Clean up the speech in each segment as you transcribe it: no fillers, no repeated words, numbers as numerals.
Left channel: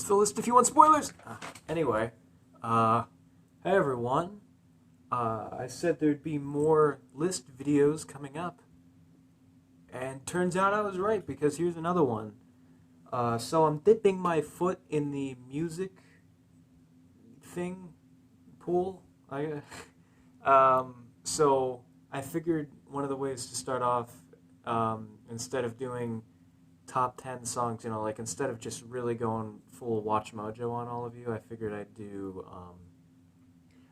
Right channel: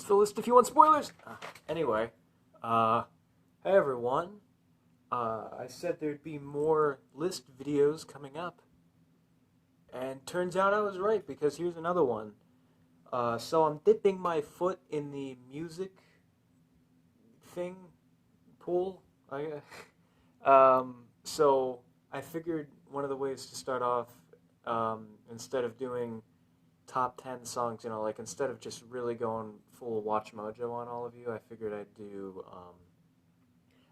Here's the list if you want spoilers. Anyway, hey everyone. I said there'd be more list videos coming up. And turns out I was right, because here's another one. So I'm dipping my foot in the music thing pool. So I figured one of the ways to start off, instead of doing top 10 songs, like instead of just really going full Watch Mojo on all of you, I figured I'd do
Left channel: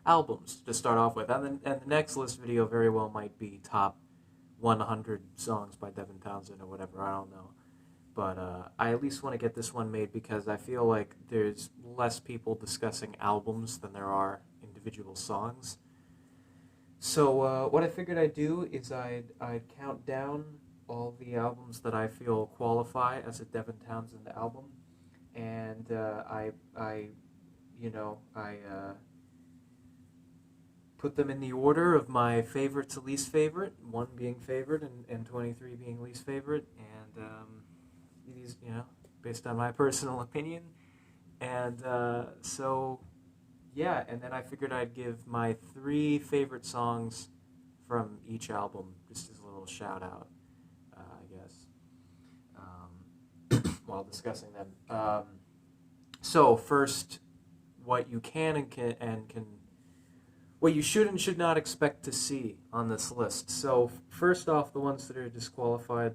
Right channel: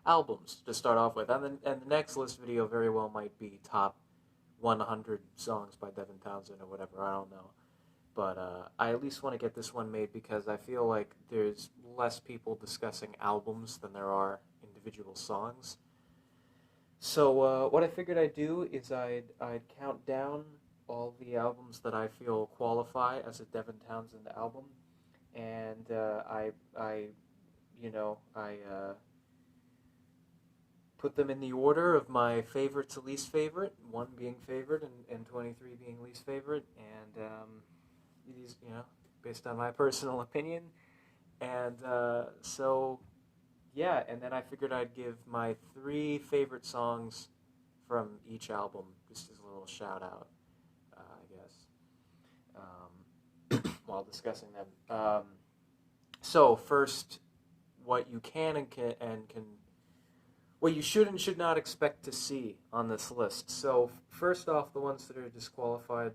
albums to start off with. And the next list video very well might be top 100 songs by Devin Townsend or whatever, I don't know. But I at least want to get this one made because I feel like there's less people discussing albums than there are individual songs. So what I figured I'd do is I'd count down all the albums that I feel qualify as a Devin Townsend album, and I put them in the order of my favorite to least favorite, 1 being favorite and 23 being least favorite, and these, based on my personal opinion. And so, yeah, and then I figured I'd give my 3 favorite songs from each album, just as a little shout out, I guess, while discussing them. So first, what you can and can what you should and should not expect to see on this list. So first off, the ones that are disqualified.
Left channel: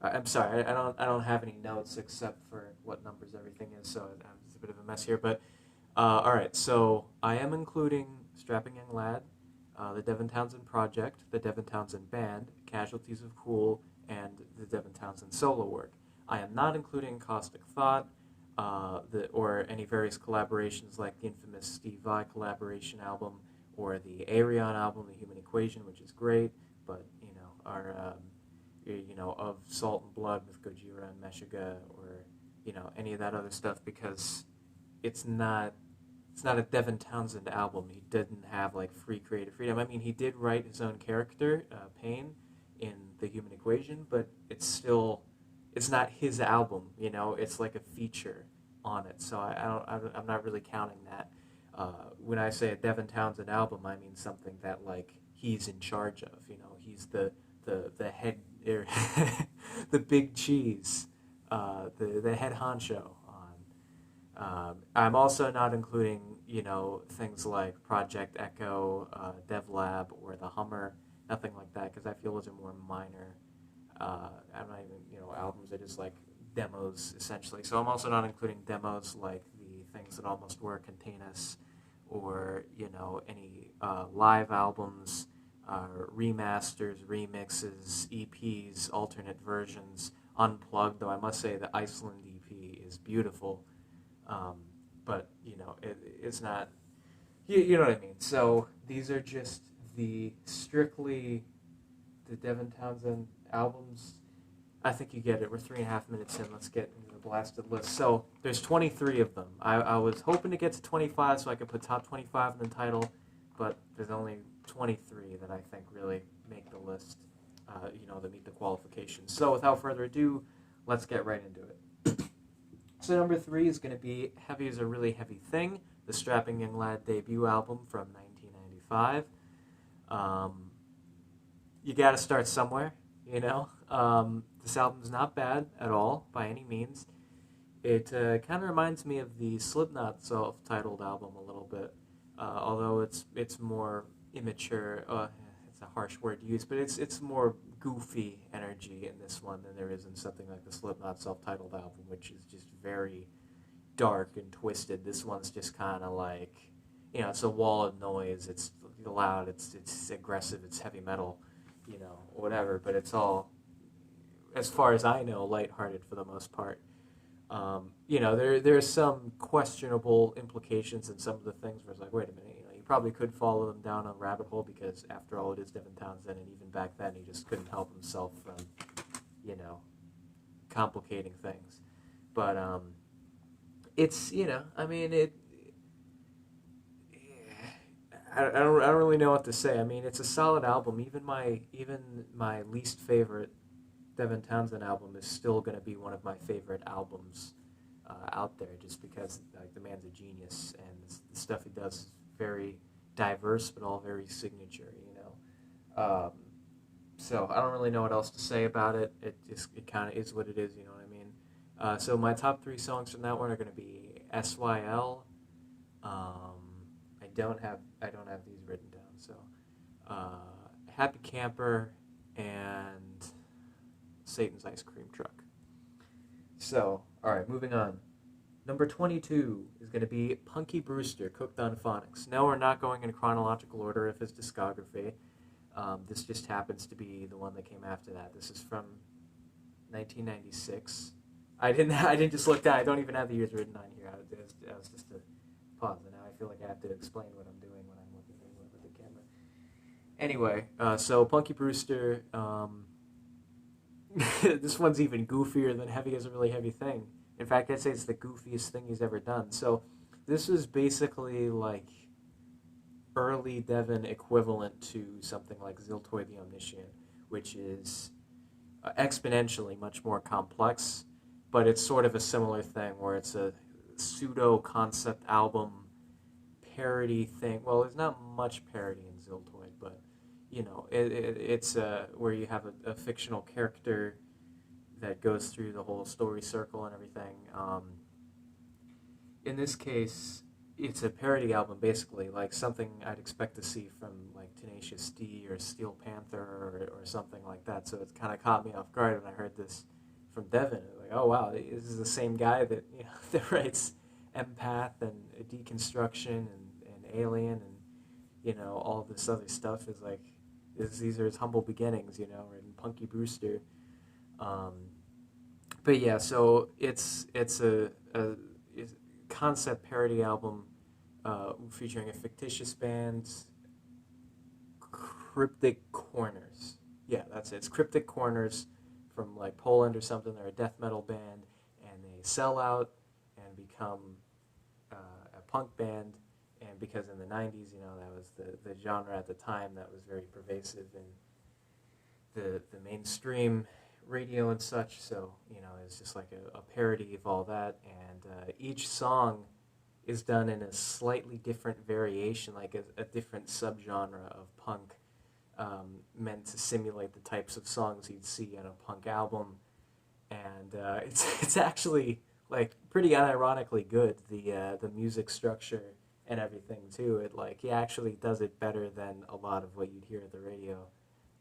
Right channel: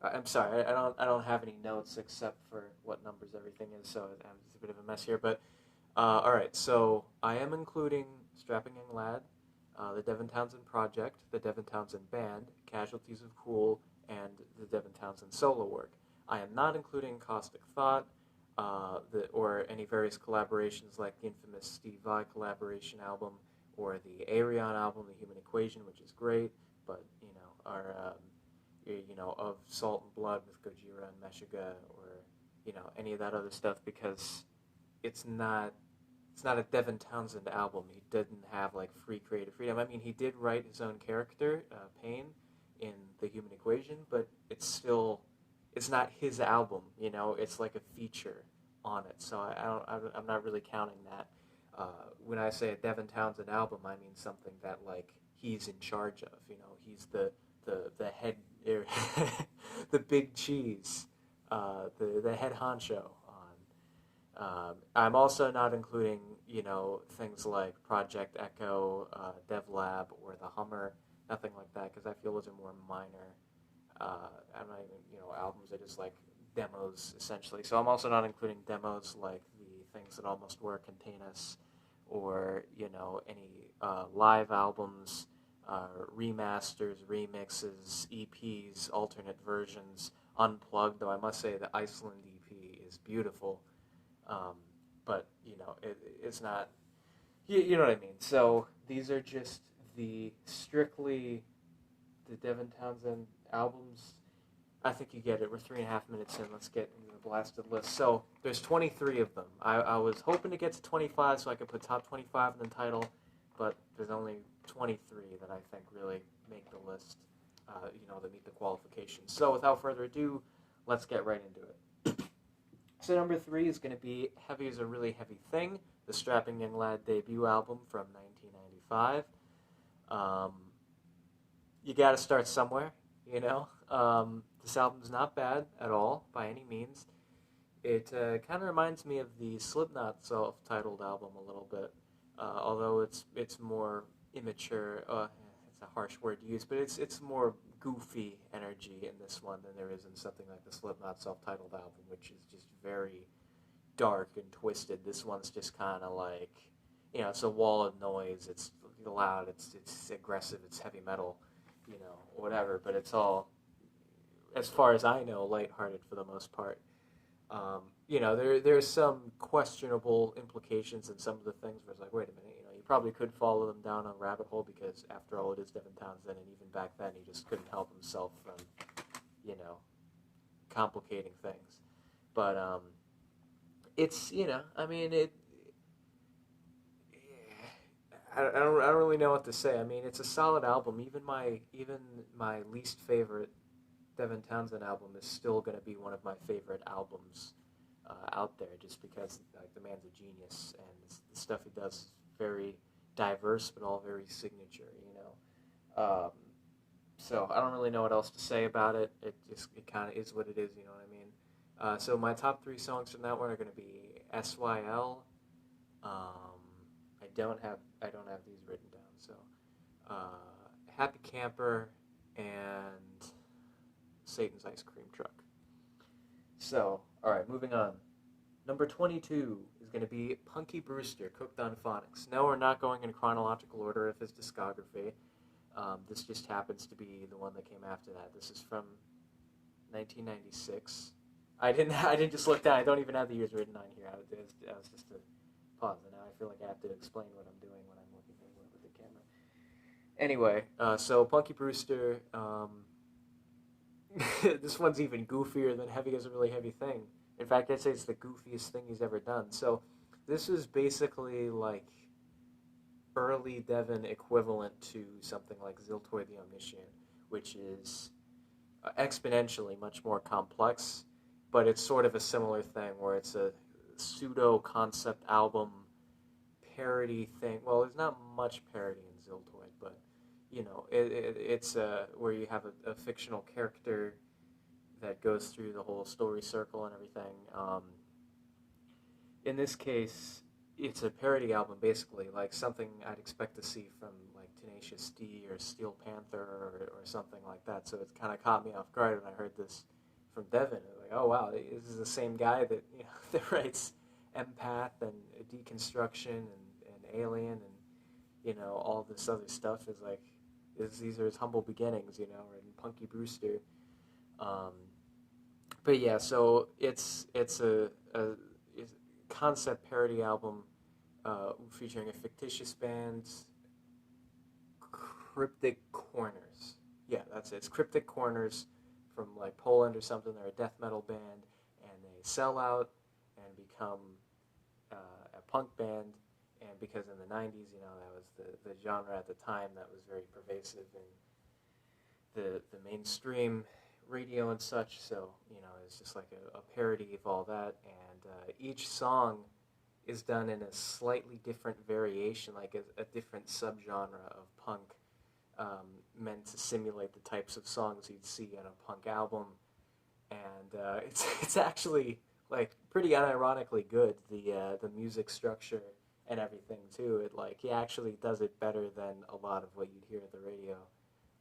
I'm sorry, I don't have any notes except for what numbers everything is, so it's a bit of a mess here. But all right, so I am including Strapping Young Lad, the Devin Townsend Project, the Devin Townsend Band, Casualties of Cool, and the Devin Townsend solo work. I am not including Caustic Thought, or any various collaborations like the infamous Steve Vai collaboration album, or the Ayreon album, The Human Equation, which is great, but our of Salt and Blood with Gojira and Meshuggah, or any of that other stuff, because it's not a Devin Townsend album. He didn't have like free creative freedom. I mean, he did write his own character, Pain, in The Human Equation, but it's not his album. It's like a feature on it. So I'm not really counting that. When I say a Devin Townsend album, I mean something that like he's in charge of. He's the head, the big cheese, the head honcho on. I'm also not including things like Project Echo, DevLab, or the Hummer, nothing like that, because I feel those are more minor. I'm not even albums are just like demos essentially. So I'm also not including demos like the Things That Almost Were, Contain Us, or any live albums, remasters, remixes, EPs, alternate versions, unplugged. Though I must say the Iceland EP is beautiful, but it's not. You know what I mean. So these are just strictly the Devin Townsend albums. I think you get it. We're 3.5 minutes in. Let's get into the blasted list. So there's 23 of them. I was hoping to get to 25 so I could put top 25 in the title, but there's only 23 that I think really make the list, that meet the qualifications. So without further ado, let's get right into it. So number 3 is going to be Heavy Is a Really Heavy Thing, the Strapping Young Lad debut album from 1995. You got to start somewhere, This album's not bad at all, by any means. It kind of reminds me of the Slipknot self-titled album a little bit, although it's more immature. It's a harsh word to use, but it's more goofy energy in this one than there is in something like the Slipknot self-titled album, which is just very dark and twisted. This one's just kind of like, it's a wall of noise. It's loud. It's aggressive. It's heavy metal, whatever. But it's all, as far as I know, lighthearted for the most part. There's some questionable implications in some of the things where it's like, wait a minute, you probably could follow them down a rabbit hole because, after all, it is Devin Townsend, and even back then, he just couldn't help himself from, complicating things. But it's, I don't really know what to say. I mean, it's a solid album. Even my least favorite Devin Townsend album is still going to be one of my favorite albums out there, just because like the man's a genius and the stuff he does is very diverse, but all very signature. So I don't really know what else to say about it. It kind of is what it is. You know what I mean? So my top three songs from that one are going to be SYL. I don't have these written down. So Happy Camper and Satan's Ice Cream Truck. So, all right, moving on. Number 22 is going to be Punky Brewster, Cooked on Phonics. Now we're not going in chronological order of his discography. This just happens to be the one that came after that. This is from 1996. I didn't just look down. I don't even have the years written on here. I was just a pause, and now I feel like I have to explain what I'm doing when I'm looking at the camera. Anyway, so Punky Brewster. This one's even goofier than Heavy Is a Really Heavy Thing. In fact, I'd say it's the goofiest thing he's ever done. So this was basically like early Devin equivalent to something like Ziltoid the Omniscient, which is exponentially much more complex, but it's sort of a similar thing where it's a pseudo-concept album parody thing. Well, there's not much parody in Ziltoid, but it's where you have a fictional character that goes through the whole story circle and everything. In this case, it's a parody album, basically, like something I'd expect to see from like Tenacious D or Steel Panther or something like that. So it kind of caught me off guard when I heard this from Devin. Like, oh wow, this is the same guy that that writes Empath and Deconstruction and Alien and all this other stuff is like. These are his humble beginnings, and Punky Brewster. But yeah, so it's a concept parody album featuring a fictitious band, Cryptic Corners. Yeah, that's it. It's Cryptic Corners from like Poland or something. They're a death metal band, and they sell out and become a punk band. And because in the 90s, that was the genre at the time that was very pervasive in the mainstream radio and such. So, it's just like a parody of all that. And each song is done in a slightly different variation, like a different subgenre of punk, meant to simulate the types of songs you'd see on a punk album. And it's actually, like, pretty unironically good, the music structure and everything too. He actually does it better than a lot of what you'd hear at the radio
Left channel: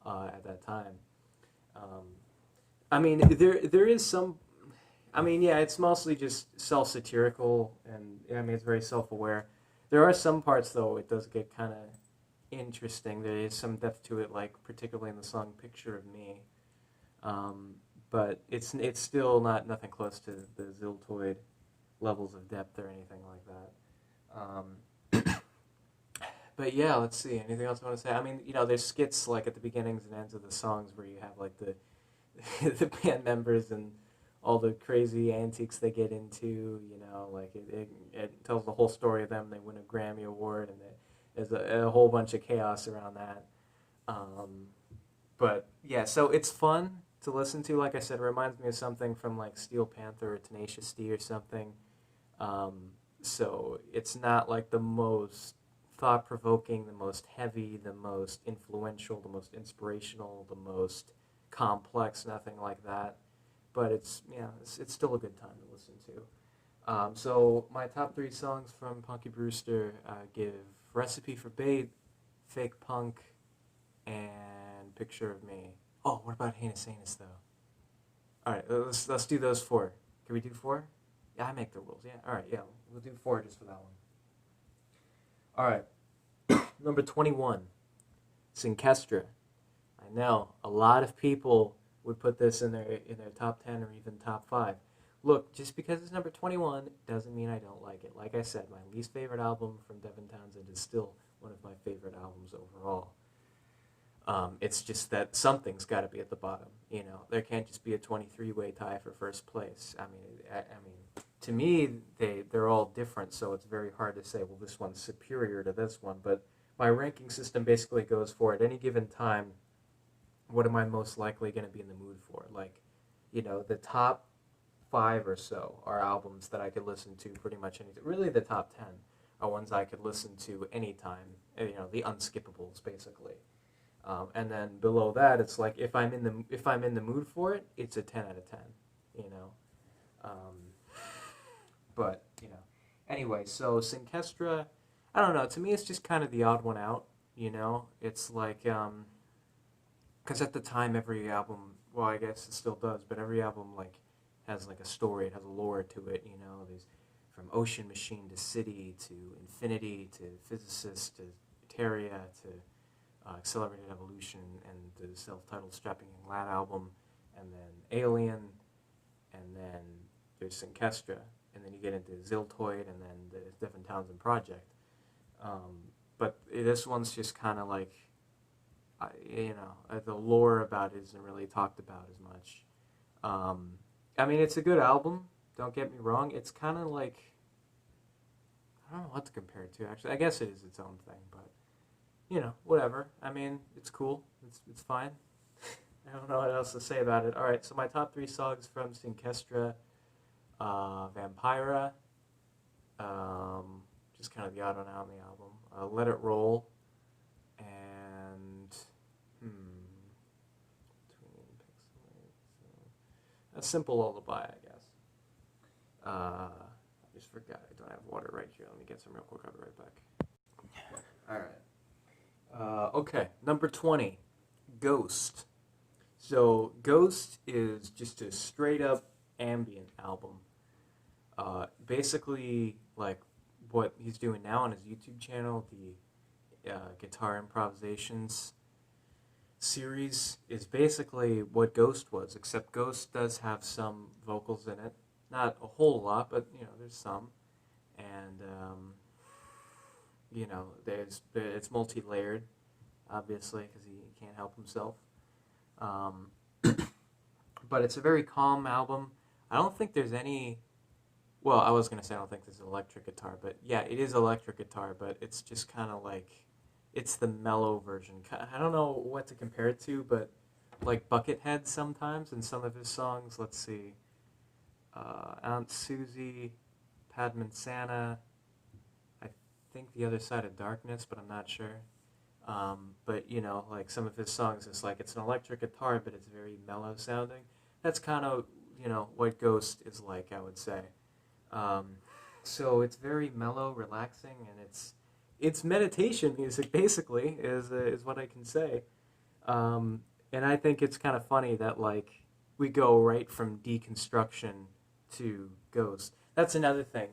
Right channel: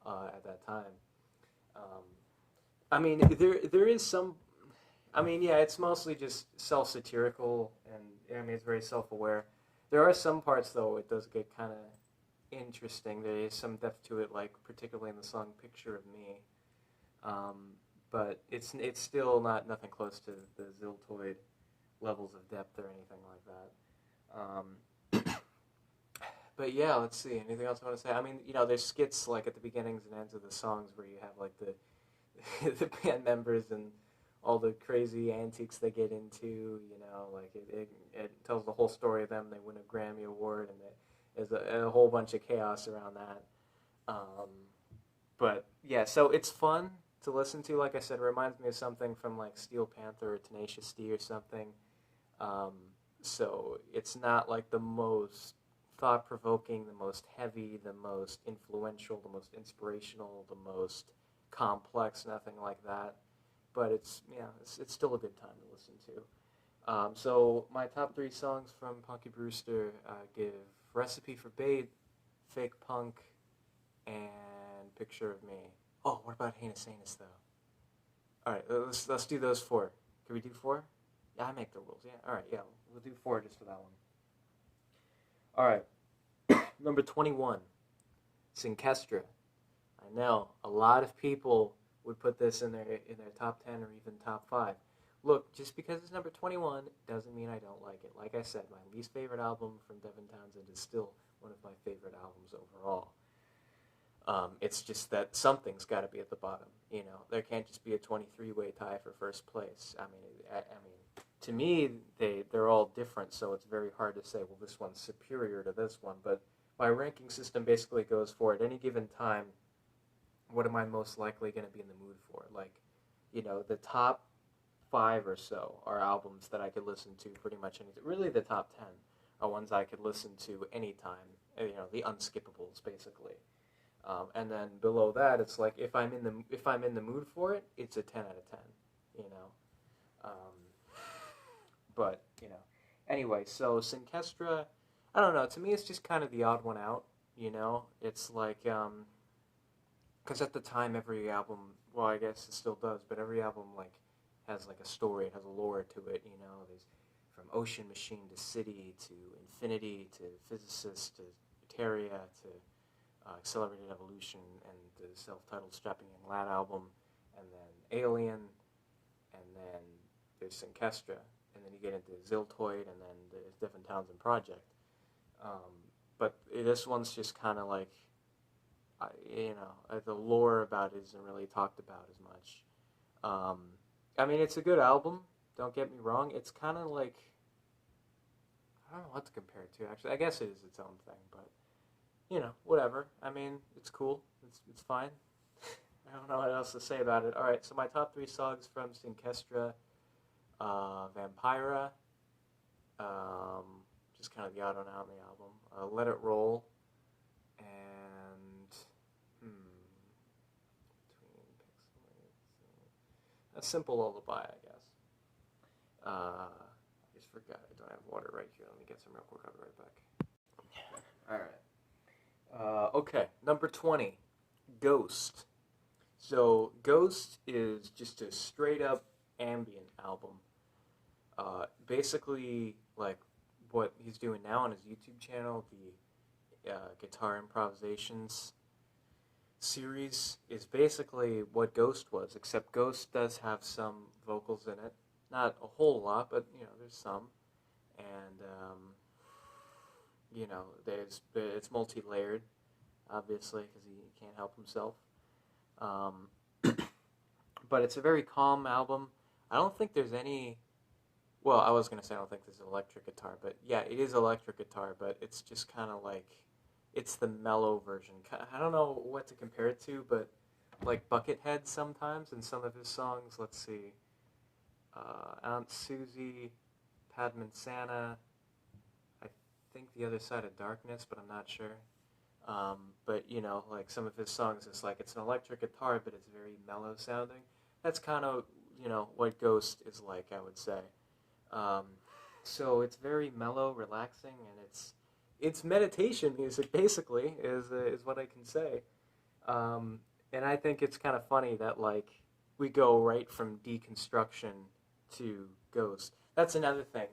at that time. I mean, there is some. I mean, yeah, it's mostly just self-satirical, and I mean it's very self-aware. There are some parts though it does get kind of interesting. There is some depth to it, like particularly in the song "Picture of Me," but it's still nothing close to the Ziltoid levels of depth or anything like that. But yeah, let's see. Anything else I want to say? I mean, there's skits like at the beginnings and ends of the songs where you have like the band members and all the crazy antics they get into. Like it tells the whole story of them. They win a Grammy Award, and there's a whole bunch of chaos around that. But yeah, so it's fun to listen to. Like I said, it reminds me of something from like Steel Panther or Tenacious D or something. So it's not like the most thought-provoking, the most heavy, the most influential, the most inspirational, the most complex, nothing like that. But it's still a good time to listen to. So my top three songs from Punky Brewster give Recipe for Bait, Fake Punk, and Picture of Me. Oh, what about Heinous Anus, though? All right, let's do those four. Can we do four? Yeah, I make the rules. Yeah, all right, yeah, we'll do four just for that one. All right, number 21, Synkestra. I know a lot of people would put this in their top 10 or even top 5. Look, just because it's number 21 doesn't mean I don't like it. Like I said, my least favorite album from Devin Townsend is still one of my favorite albums overall. It's just that something's got to be at the bottom. There can't just be a 23-way tie for first place. I mean, to me, they're all different, so it's very hard to say, well, this one's superior to this one. But my ranking system basically goes for, at any given time, what am I most likely going to be in the mood for? Like, the top 5 or so are albums that I could listen to pretty much anytime. Really, the top 10 are ones I could listen to anytime. You know, the unskippables, basically. And then below that, it's like if I'm in the mood for it, it's a 10 out of 10. You know, but you know, anyway. So Synkestra, I don't know. To me, it's just kind of the odd one out. You know, it's like because at the time, every album, well, I guess it still does, but every album like has like a story. It has a lore to it. You know, there's from Ocean Machine to City to Infinity to Physicist to Eteria to Accelerated Evolution and the self-titled Strapping Young Lad album, and then Alien, and then there's Synkestra, and then you get into Ziltoid, and then the Devin Townsend project. But this one's just kind of like, you know, the lore about it isn't really talked about as much. I mean, it's a good album, don't get me wrong. It's kind of like, I don't know what to compare it to, actually. I guess it is its own thing, but you know, whatever. I mean, it's cool. It's fine. I don't know what else to say about it. All right, so my top 3 songs from Synkestra, Vampira, just kind of the odd one out in the album, Let It Roll, and a Simple Lullaby, I guess. I just forgot I don't have water right here. Let me get some real quick. I'll be right back. All right. Okay, number 20, Ghost. So Ghost is just a straight up ambient album. Basically, like what he's doing now on his YouTube channel, the guitar improvisations series, is basically what Ghost was, except Ghost does have some vocals in it. Not a whole lot, but you know, there's some. And you know, it's multi-layered, obviously, because he can't help himself. But it's a very calm album. I don't think there's any. Well, I was gonna say I don't think there's electric guitar, but yeah, it is electric guitar, but it's just kind of like, it's the mellow version. I don't know what to compare it to, but like Buckethead sometimes in some of his songs. Let's see, Aunt Susie, Padman Santa. I think The Other Side of Darkness, but I'm not sure. But you know, like some of his songs, it's like it's an electric guitar, but it's very mellow sounding. That's kind of, you know, what Ghost is like, I would say. So it's very mellow, relaxing, and it's meditation music, basically, is what I can say. And I think it's kind of funny that like we go right from Deconstruction to Ghost. That's another thing.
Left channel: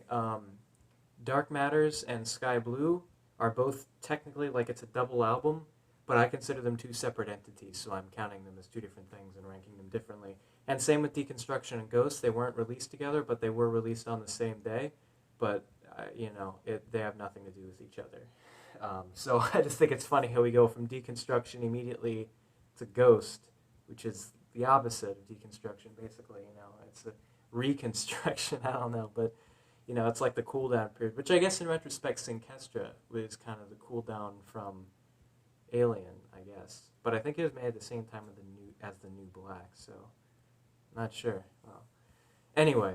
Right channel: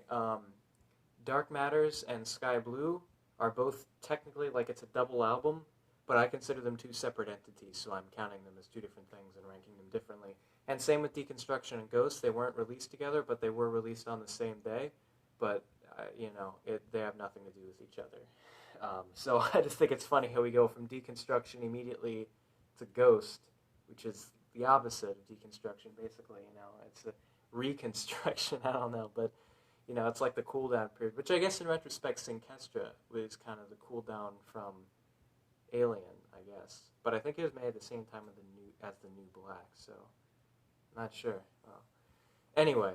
Dark Matters and Sky Blue are both technically like it's a double album, but I consider them 2 separate entities, so I'm counting them as 2 different things and ranking them differently. And same with Deconstruction and Ghost. They weren't released together, but they were released on the same day. But, you know, they have nothing to do with each other. So I just think it's funny how we go from Deconstruction immediately to Ghost, which is the opposite of Deconstruction, basically. You know, it's a reconstruction, I don't know, but you know, it's like the cool down period, which I guess in retrospect, Synkestra was kind of the cool down from Alien, I guess. But I think it was made at the same time as the New Black, so not sure. Well, anyway,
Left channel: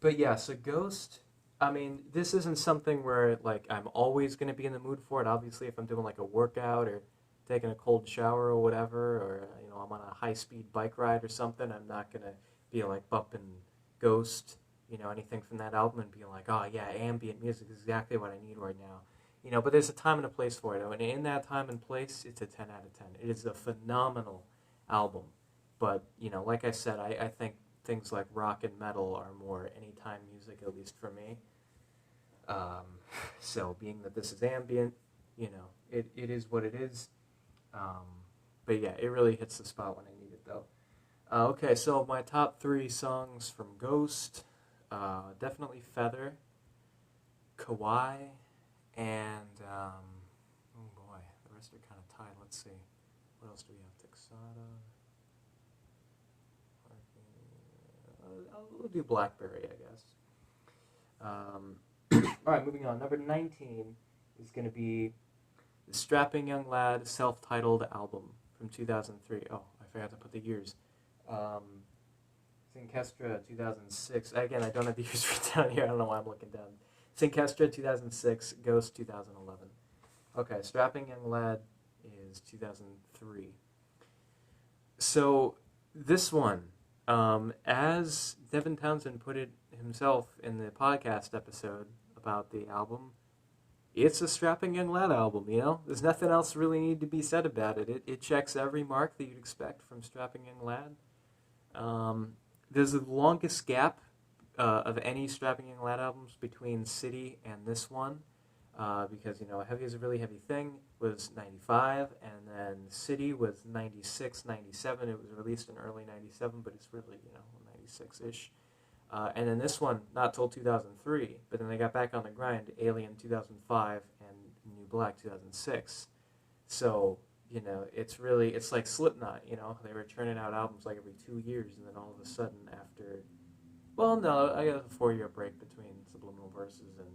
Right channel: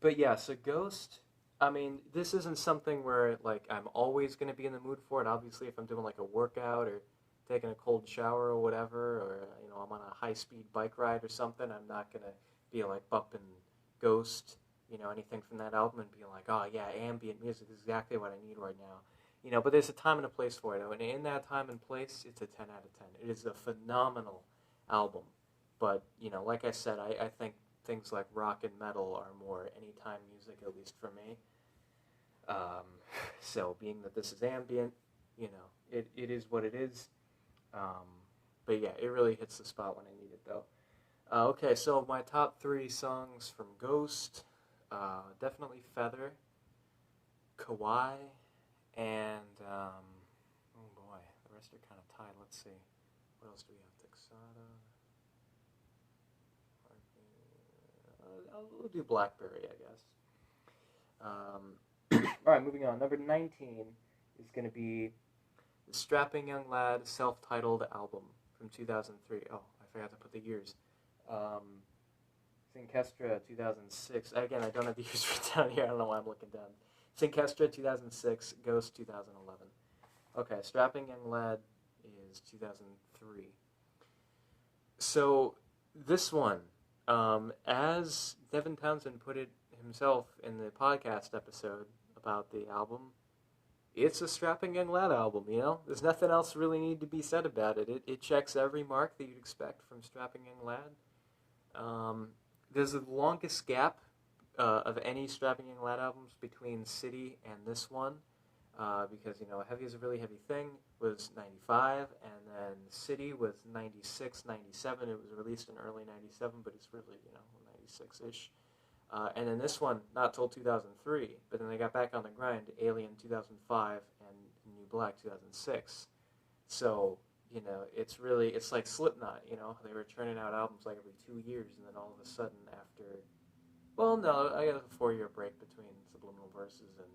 but yeah, so Ghost. I mean, this isn't something where like I'm always going to be in the mood for it. Obviously, if I'm doing like a workout or taking a cold shower or whatever, or you know, I'm on a high-speed bike ride or something, I'm not going to be like bumping Ghost, you know, anything from that album and being like, oh yeah, ambient music is exactly what I need right now. You know, but there's a time and a place for it. And in that time and place, it's a 10 out of 10. It is a phenomenal album. But, you know, like I said, I think things like rock and metal are more anytime music, at least for me. So being that this is ambient, you know, it is what it is. But yeah, it really hits the spot when I need it, though. Okay, so my top 3 songs from Ghost, definitely Feather, Kawaii, and, oh boy, the rest are kind of tied. Let's see. What else do we have? Texada. We'll do Blackberry, I guess. Alright, moving on. Number 19 is going to be the Strapping Young Lad self-titled album from 2003. Oh, I forgot to put the years. Synkestra 2006. Again, I don't have the years written down here. I don't know why I'm looking down. Synkestra 2006, Ghost 2011. Okay, Strapping Young Lad is 2003. So this one, as Devin Townsend put it himself in the podcast episode about the album, it's a strapping young lad album, you know? There's nothing else really need to be said about it. It checks every mark that you'd expect from Strapping Young Lad. There's the longest gap of any Strapping Young Lad albums between City and this one, because, you know, Heavy is a Really Heavy Thing was 95, and then City was 96, 97. It was released in early 97, but it's really, you know, 96-ish. And then this one, not till 2003, but then they got back on the grind, Alien 2005 and New Black 2006. So, you know, it's like Slipknot, you know, they were churning out albums like every 2 years, and then all of a sudden after, well, no, I got a 4-year break between Subliminal Verses and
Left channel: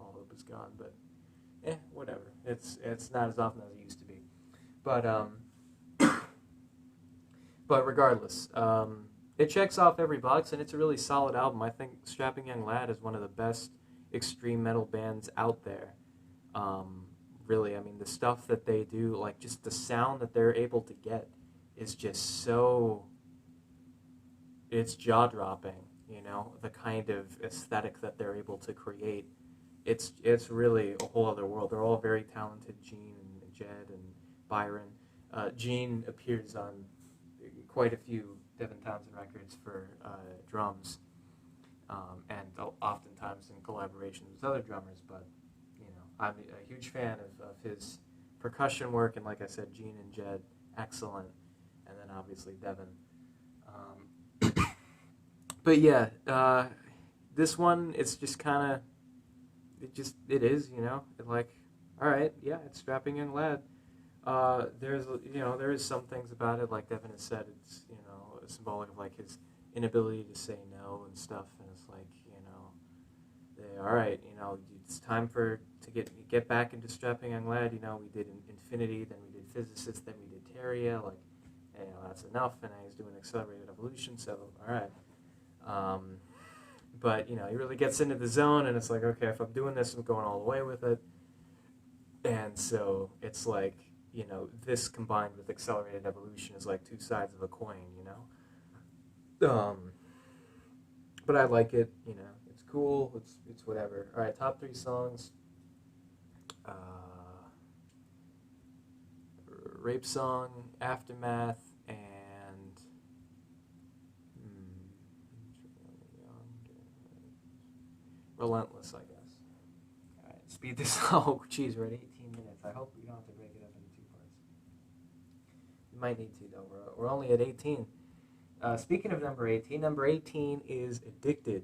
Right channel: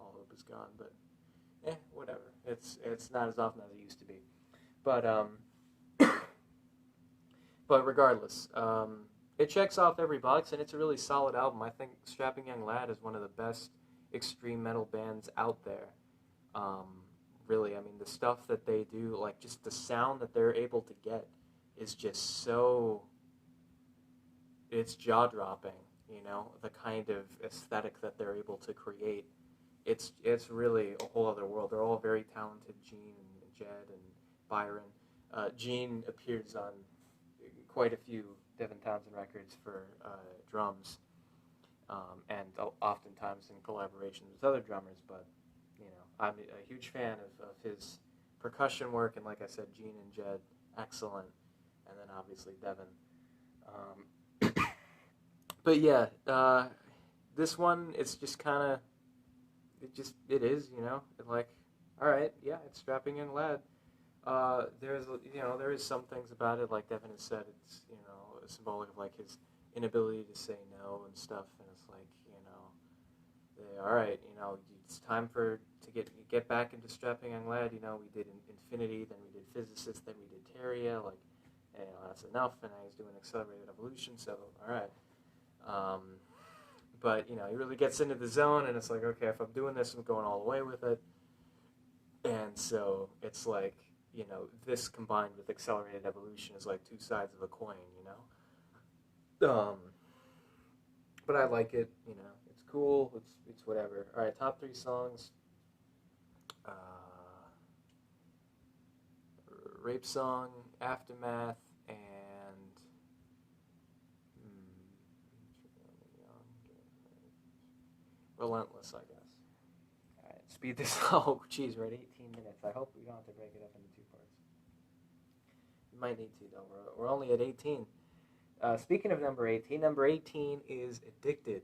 All Hope Is Gone, but, whatever. It's not as often as it used to be. But, but regardless, it checks off every box, and it's a really solid album. I think Strapping Young Lad is one of the best extreme metal bands out there. Really, I mean, the stuff that they do, like just the sound that they're able to get is just so, it's jaw-dropping, you know, the kind of aesthetic that they're able to create. It's really a whole other world. They're all very talented, Gene and Jed and Byron. Gene appears on quite a few Devin Townsend records for drums, and oftentimes in collaborations with other drummers, but, you know, I'm a huge fan of his percussion work, and like I said, Gene and Jed, excellent, and then obviously Devin. But yeah, this one, it's just kind of, it is, you know, like, all right, yeah, it's Strapping Young Lad. There is some things about it, like Devin has said, it's, you know, symbolic of like his inability to say no and stuff, and it's like, you know, all right, you know, it's time to get back into Strapping Young Lad. You know, we did Infinity, then we did Physicist, then we did Terria, like, you know, that's enough, and now he's doing Accelerated Evolution, so all right. But, you know, he really gets into the zone, and it's like, okay, if I'm doing this, I'm going all the way with it. And so it's like, you know, this combined with Accelerated Evolution is like two sides of a coin, you know? But I like it, you know, it's cool, it's whatever. All right, top 3 songs. Rape Song, Aftermath, and Relentless, I guess. All right, speed this. Oh, geez, we're at 18 minutes. I hope we don't have to break it up into 2 parts. You might need to, though. We're only at 18. Speaking of number 18 is Addicted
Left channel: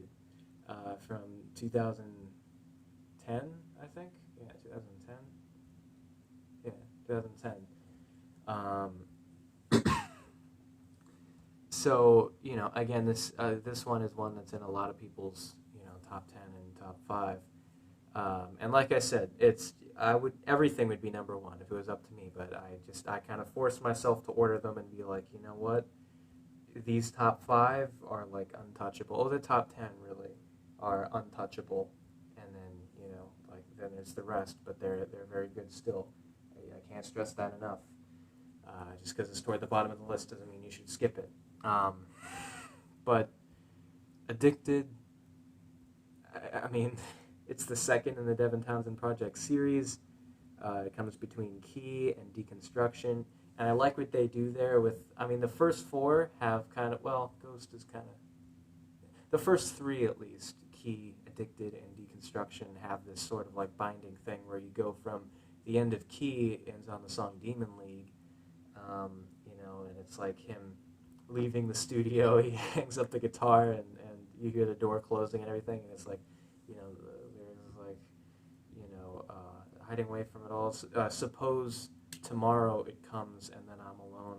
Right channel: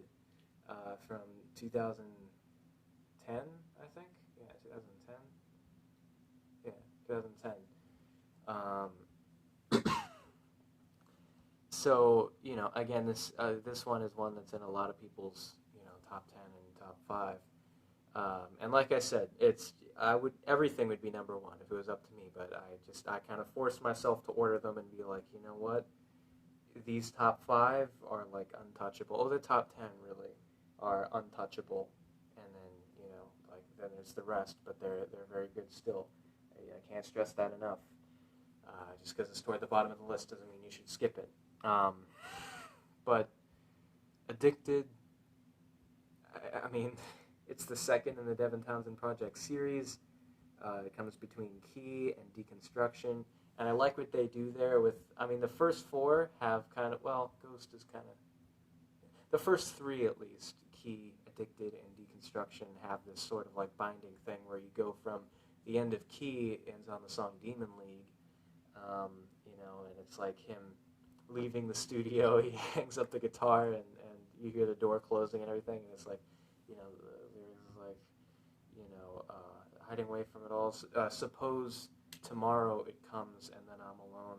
from 2010, I think. Yeah, 2010. Yeah, 2010. So, you know, again, this one is one that's in a lot of people's, you know, top 10 and top 5. And like I said, everything would be number 1 if it was up to me, but I kind of forced myself to order them and be like, you know what? These top 5 are like untouchable. Oh, the top 10 really are untouchable, and then, you know, like, then there's the rest, but they're very good still. I can't stress that enough. Just because it's toward the bottom of the list doesn't mean you should skip it. But Addicted, I mean, it's the second in the Devin Townsend Project series. It comes between Key and Deconstruction. And I like what they do there with, I mean, the first 4 have kind of, well, Ghost is kind of, the first 3 at least, Key, Addicted, and Deconstruction, have this sort of like binding thing where you go from the end of Key, ends on the song Demon League, you know, and it's like him leaving the studio, he hangs up the guitar, and you hear the door closing and everything, and it's like, you know, there's like, you know, hiding away from it all, suppose tomorrow it comes and then I'm alone,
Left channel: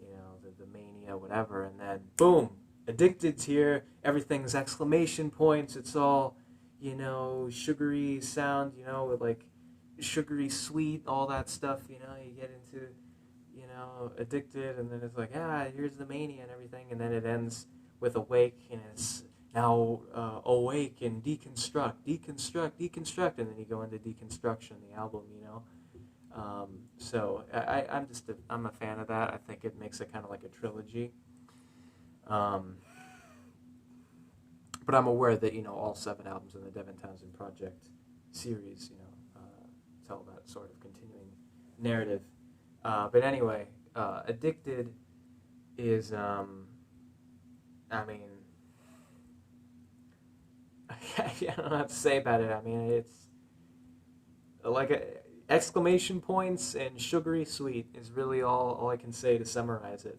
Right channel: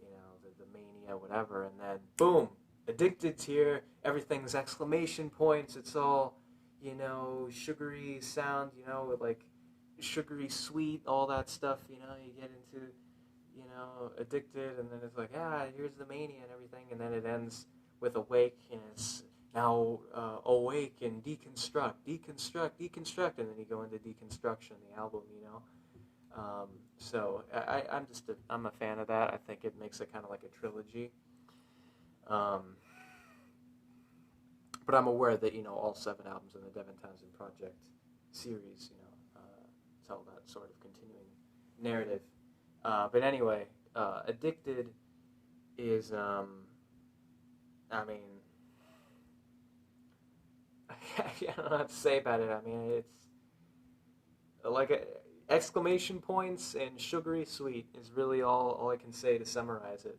you know, the mania, whatever, and then boom, Addicted's here, everything's exclamation points, it's all, you know, sugary sound, you know, with like sugary sweet, all that stuff, you know, you get into, you know, Addicted, and then it's like, here's the mania and everything, and then it ends with Awake, and it's now awake and deconstruct, and then you go into deconstruction, the album, you know. So I'm a fan of that. I think it makes it kind of like a trilogy. But I'm aware that, you know, all 7 albums in the Devin Townsend Project series, you know, tell that sort of continuing narrative. But anyway, Addicted is, I mean, I don't know what to say about it. I mean, it's like exclamation points and sugary sweet is really all I can say to summarize it.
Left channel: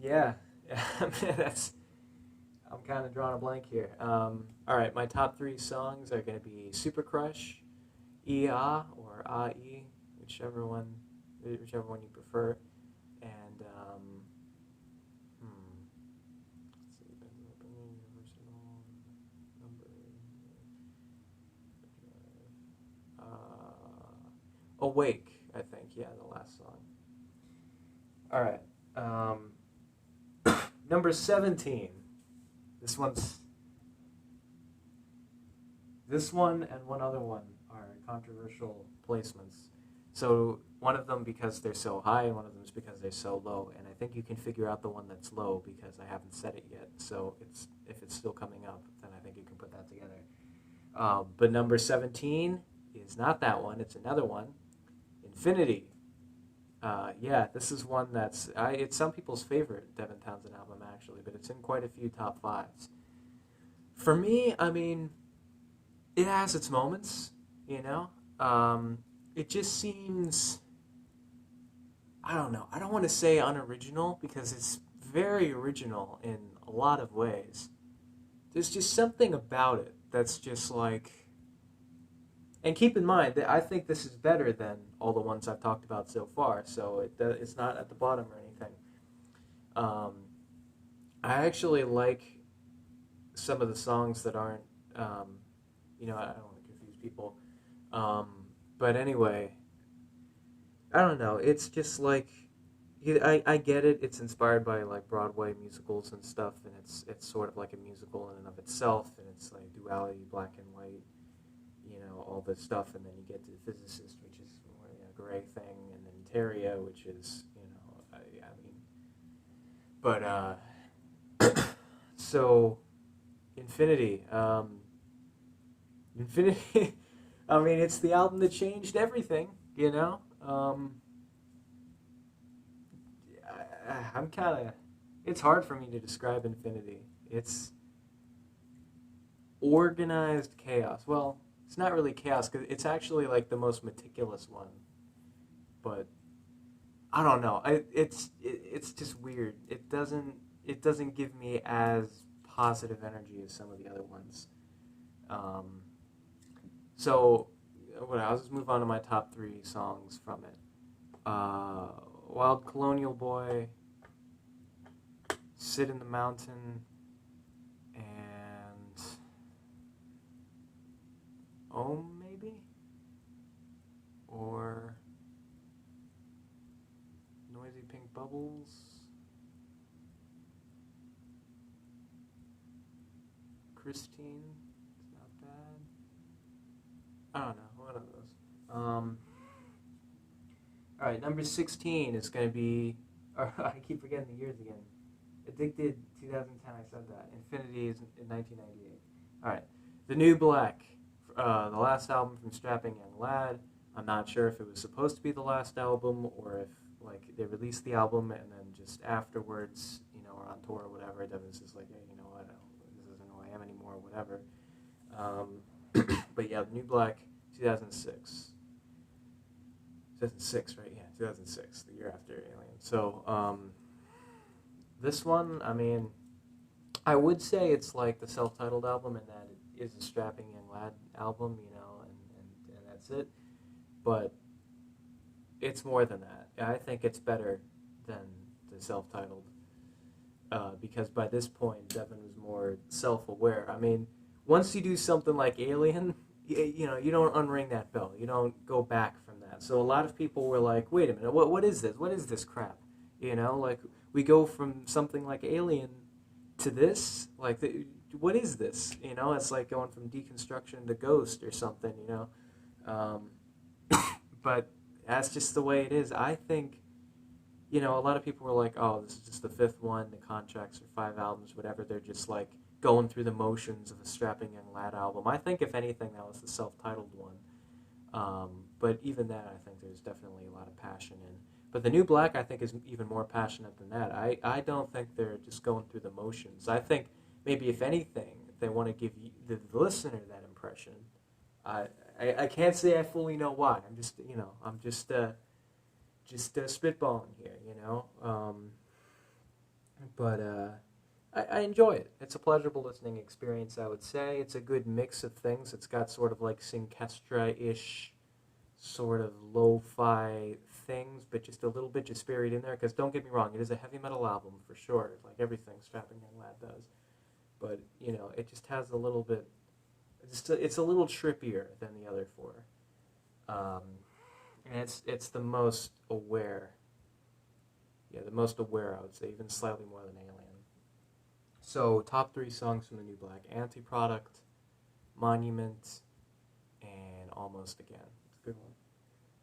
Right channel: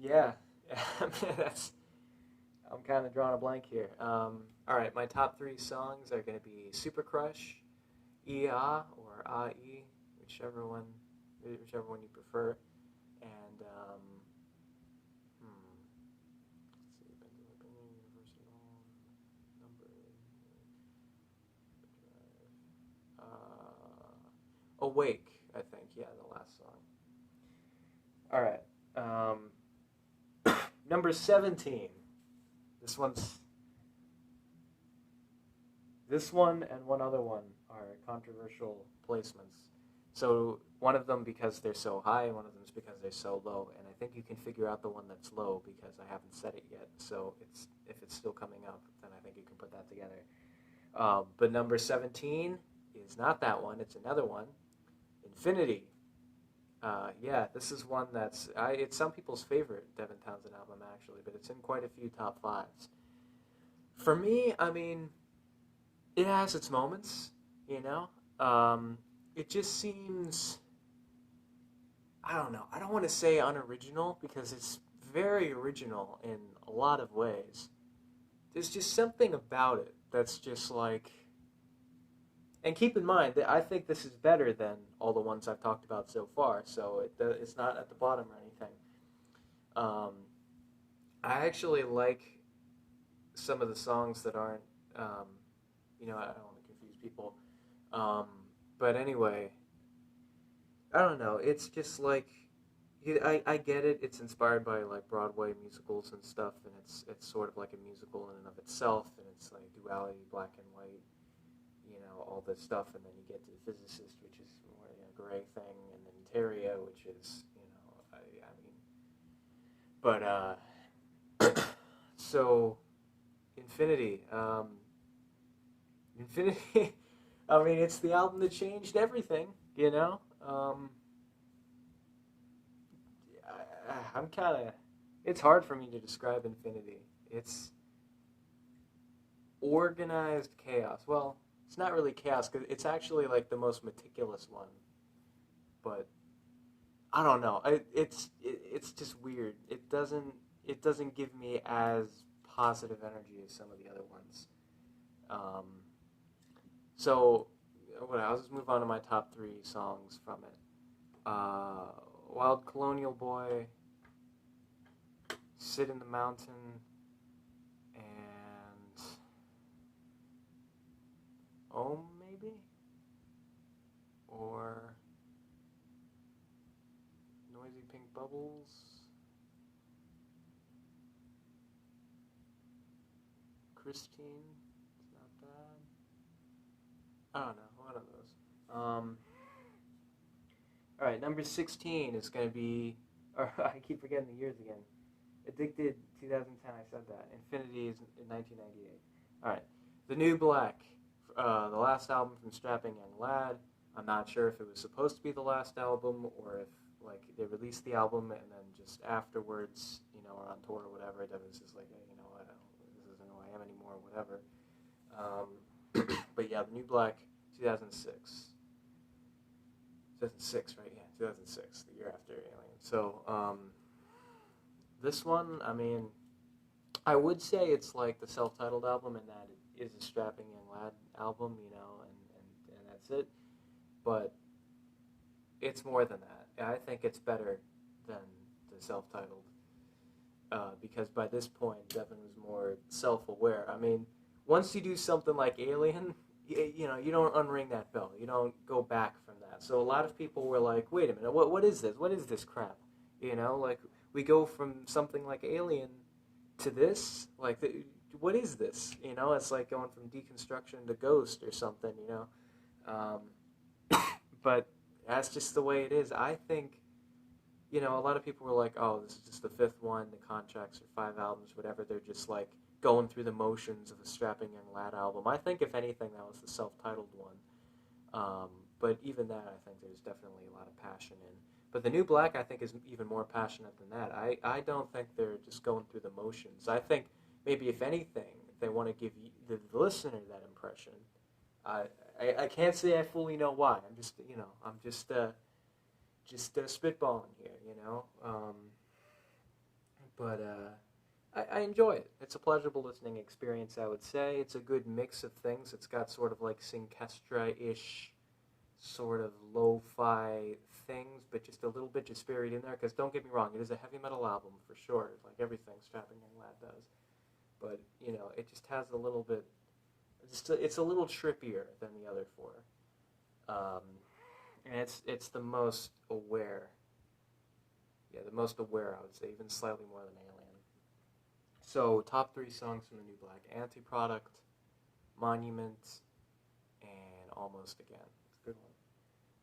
Yeah, I'm kind of drawing a blank here. All right, my top 3 songs are going to be Super Crush, Ia or Ai, whichever one you prefer, and let's see, Universal Number, Awake, I think. Yeah, the last song. All right. Number 17. This one and one other one are controversial placements. So one of them because they're so high, and one of them is because they're so low. And I think you can figure out the one that's low because I haven't said it yet. So if it's still coming up, then I think you can put that together. But number 17 is not that one. It's another one. Infinity. Yeah, this is one it's some people's favorite Devin Townsend album, actually, but it's in quite a few top 5s. For me, I mean, it has its moments, you know? It just seems, I don't know, I don't want to say unoriginal, because it's very original in a lot of ways. There's just something about it that's just like, and keep in mind that I think this is better than all the ones I've talked about so far, so it's not at the bottom or anything. I actually like some of the songs that aren't, you know, I don't want to confuse people. But anyway, I don't know, it's just like, I get it, it's inspired by like Broadway musicals and stuff, and it's sort of like a musical in and of itself, and it's like duality, black and white, you know, all this stuff, and then you get to The Physicist, which is more a gray thing, and then Terria, which is, you know, but so Infinity, I mean, it's the album that changed everything, you know. I'm kind of, it's hard for me to describe Infinity. It's organized chaos. Well, it's not really chaos, because it's actually like the most meticulous one. But I don't know. It's just weird. It doesn't give me as positive energy as some of the other ones. So I'll just move on to my top 3 songs from it. Wild Colonial Boy, Sit in the Mountain, and maybe? Or Noisy Pink Bubbles. Christine, it's not bad. I don't know, one of those. Alright, number 16 is going to be, I keep forgetting the years again. Addicted, 2010, I said that. Infinity is in 1998. Alright, The New Black, the last album from Strapping Young Lad. I'm not sure if it was supposed to be the last album, or if like they released the album and then just afterwards, you know, or on tour or whatever, Devin's just like, hey, you know what, this isn't who I am anymore, or whatever. But yeah, The New Black, 2006. 2006, right? Yeah, 2006, the year after Alien. So, this one, I mean, I would say it's like the self-titled album, and that it is a Strapping Young Lad album, you know, and that's it. But it's more than that. I think it's better than the self-titled, because by this point, Devin was more self-aware. I mean, once you do something like Alien, you know, you don't unring that bell. You don't go back from that. So a lot of people were like, wait a minute, what is this? What is this crap? You know, like, we go from something like Alien to this. Like, what is this? You know, it's like going from Deconstruction to Ghost or something. You know, but that's just the way it is. I think, you know, a lot of people were like, oh, this is just the fifth one. The contracts are 5 albums, whatever. They're just like going through the motions of a strapping young lad album. I think, if anything, that was the self-titled one. But even that, I think there's definitely a lot of passion in. But the New Black, I think, is even more passionate than that. I don't think they're just going through the motions. I think maybe, if anything, they want to give you, the listener, that impression. I can't say I fully know why. I'm just, you know, spitballing here, you know. But I enjoy it. It's a pleasurable listening experience, I would say. It's a good mix of things. It's got sort of like Synkestra-ish sort of lo-fi things, but just a little bit just buried in there. Because don't get me wrong, it is a heavy metal album for sure, like everything Strapping Young Lad does. But, you know, it just has a little bit, it's a little trippier than the other four. And it's the most aware. Yeah, the most aware, I would say, even slightly more than Alien. So, top 3 songs from the New Black: Anti-Product, Monument, and Almost Again. It's a good one.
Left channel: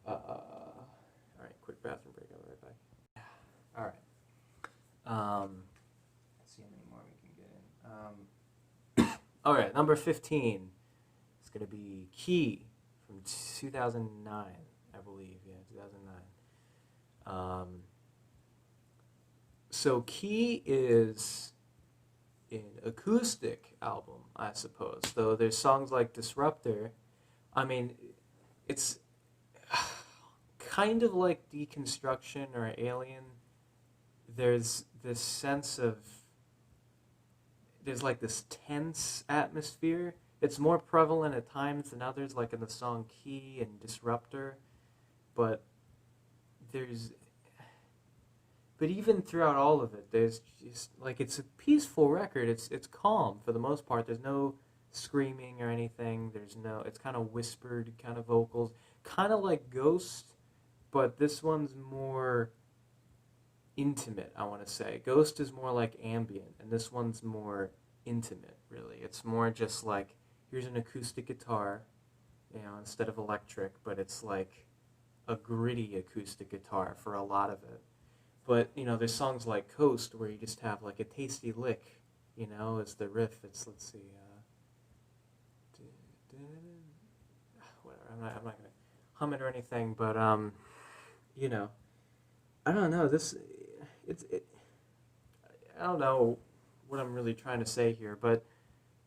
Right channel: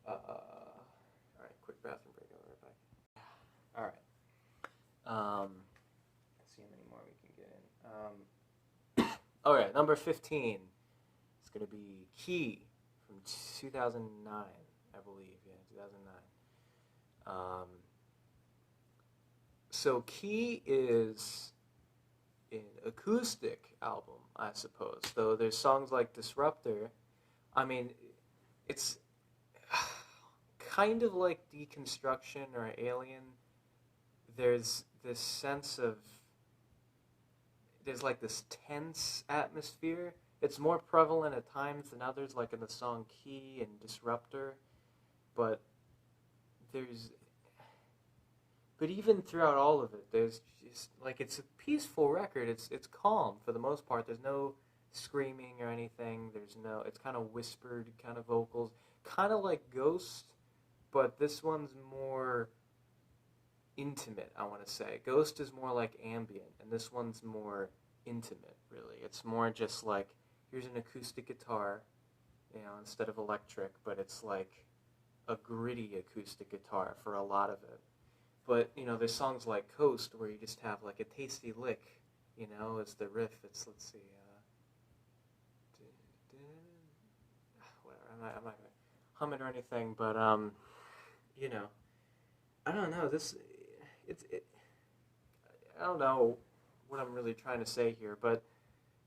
Alright, quick bathroom break. I'll be right back. Alright. Let's see how many more we can get in. Alright, number 15 is going to be Key from 2009, I believe. Yeah, 2009. So Key is an acoustic album, I suppose. Though there's songs like Disruptor. I mean, it's kind of like Deconstruction or Alien. There's this sense of, there's like this tense atmosphere. It's more prevalent at times than others, like in the song Key and Disruptor. But even throughout all of it, there's just, like, it's a peaceful record. It's calm for the most part. There's no screaming or anything. It's kind of whispered kind of vocals. Kind of like Ghost, but this one's more intimate, I want to say. Ghost is more like ambient, and this one's more intimate, really. It's more just like, here's an acoustic guitar, you know, instead of electric, but it's like a gritty acoustic guitar for a lot of it. But, you know, there's songs like Coast where you just have like a tasty lick, you know, as the riff. It's, let's see, whatever, I'm not going to hum it or anything, but, you know, I don't know, I don't know what I'm really trying to say here, but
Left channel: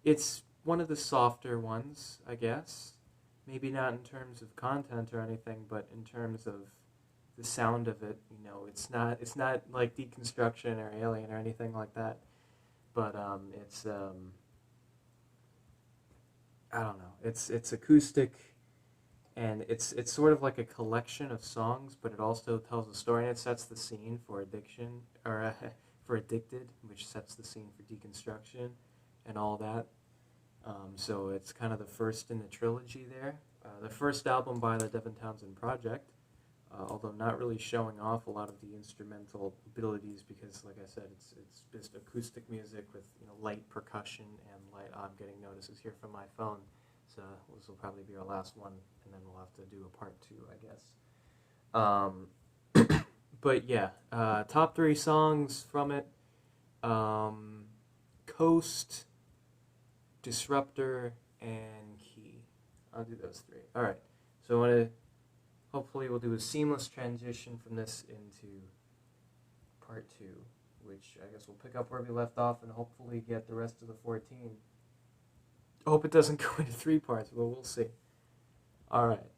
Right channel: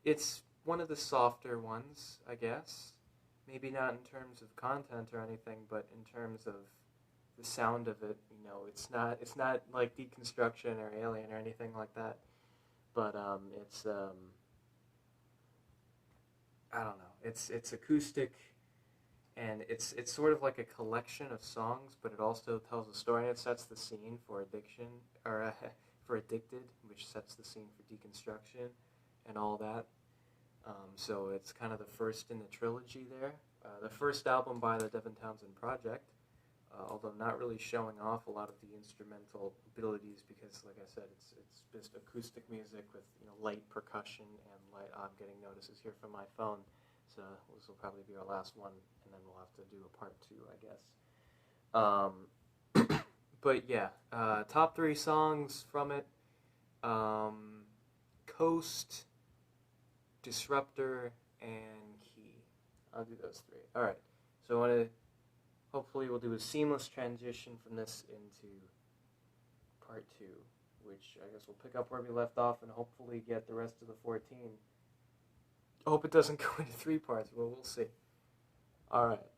it's one of the softer ones, I guess. Maybe not in terms of content or anything, but in terms of the sound of it. You know, it's not like Deconstruction or Alien or anything like that. But it's I don't know. It's acoustic, and it's sort of like a collection of songs, but it also tells a story, and it sets the scene for Addiction, or for Addicted, which sets the scene for Deconstruction and all that. So it's kind of the first in the trilogy there. The first album by the Devin Townsend Project, although not really showing off a lot of the instrumental abilities, because, like I said, it's just acoustic music with, you know, light percussion and light. I'm getting notices here from my phone, so this will probably be our last one, and then we'll have to do a part 2, I guess. But yeah, top 3 songs from it: Coast, Disruptor, and Key. I'll do those 3. Alright, so I want to, hopefully we'll do a seamless transition from this into part 2, which I guess we'll pick up where we left off and hopefully get the rest of the 14. I hope it doesn't go into 3 parts, but we'll see. Alright.